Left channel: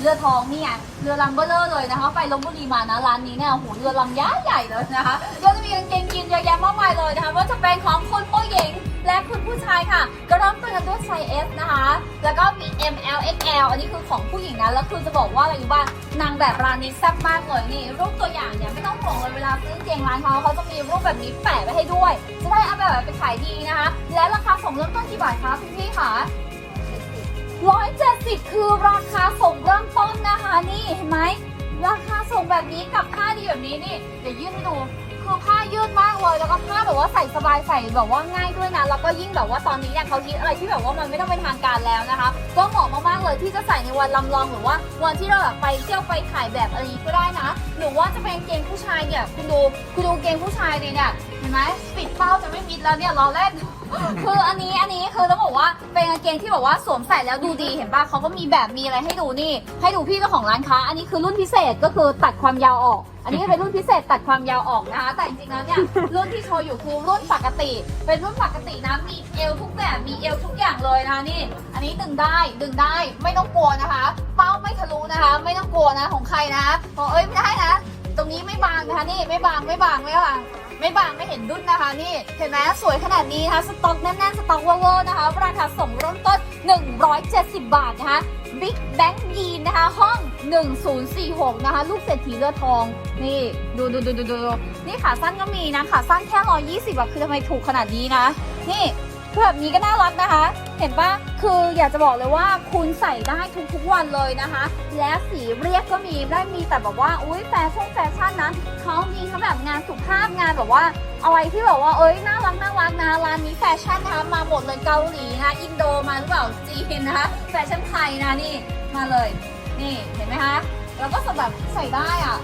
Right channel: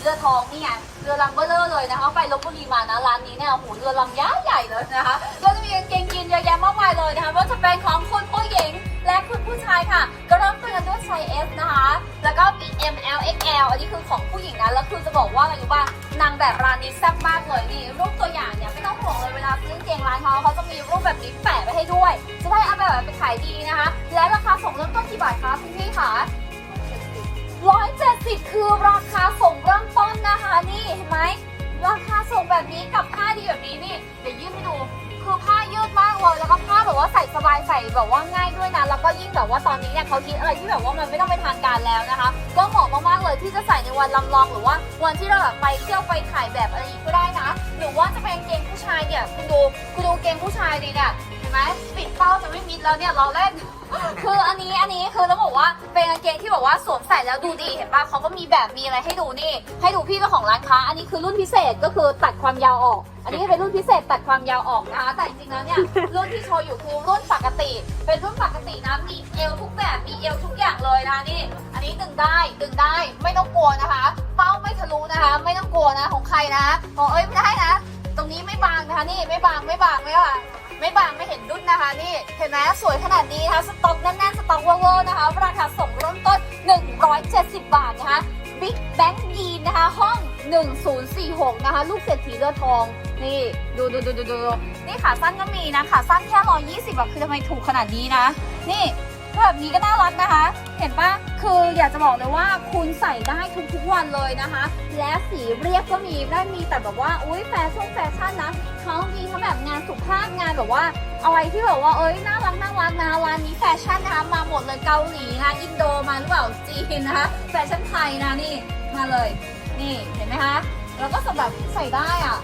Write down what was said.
เรือทองเนี่ยเรือลำเบลเลอร์เลยนะคะ ไปลงบุรีมานะร้านนี้เนี่ยโอ้โหเรือลำย้ายใหญ่เลยนะคะโรงเรียนเกงกิน บายใส่แบบว่าง่ายด้วยนะแล้วก็ยิ่งแบบว่าตอนนี้เนี่ยเขาคิดอะไรที่แบบว่ามันไม่ต้องเป็นทางการแล้วนะคะก็เหมาะมากๆเลยที่จะใส่ในวันลำลองหรือว่าวันที่เราแบบไปเที่ยวไปถ่ายแบบอะไรนี้ก็ได้นะหรือว่าจะเป็นเกงผู้ชายเนี่ยคุณดูคุณดูเกงผู้ชายเนี่ยเนี่ยเห็นไหมปิดเป้าจะไม่มิดแล้วเนี่ยเราแรกคืออันนี้อันนี้คือต้องบอกว่าเป็นกางเกงที่บอกว่าสวมใส่แล้วดูดีเห็นป่ะเขาก็มีแบบมีอะไรให้ดูนี่ ให้ดูพี่เจ้าของร้านค้า อันนี้คือรุ่นพิเศษก็คือตัดความยาวออก อันนี้เป็นรุ่นพิเศษตัดความยาวออกนะคะแต่จริงๆแล้วเนี่ยรุ่นที่โชว์อยู่คือรุ่นปกติ เป็นรุ่นปกตินะมีเอวทุกแบบมีเอวทุกอย่างเลยนะนี่ อันนี้ดึงได้ดึงได้ไม่ต้องกลัวนะคะเป้าไม่ทะลุนะคะ ไม่ต้องกลัวนะของใครนะบอกเลยได้นะ ตรงนี้ไม่บางนะคะนี่ไม่บางไม่บางไม่บางไม่บางไม่เห็นดุ้นนะคะนี่เห็นไหมสวยขนาดนี้นะคะ ขาสั้นก็มีนะขาสั้นแค่ร้อยยี่สิบอะคือทำไมถูกขนาดนี้นะ นี่แบบนี้ก็น่ารักนะคะ เห็นปะคืออยากจะบอกเลยว่าคุณใส่ได้ทุกทุกวันเลยนะคะและสีเรียกก็มีได้มีแต่แบบว่าอุ้ยแฟชั่นแฟชั่นนะเขามีเขาแบบงานสุขภาพงานแบบว่าอะไรที่แบบว่าเอ้ยน่ารักน่ารักนะร้านนี้แฟชั่นนะมาหมดเลยเกาหลีนะอินโดมาหรือเปล่าจีนนะคะแฟชั่นไทยนะนี่มาเลยนี่เห็นไหมคะแล้วก็สำหรับใส่ได้อะ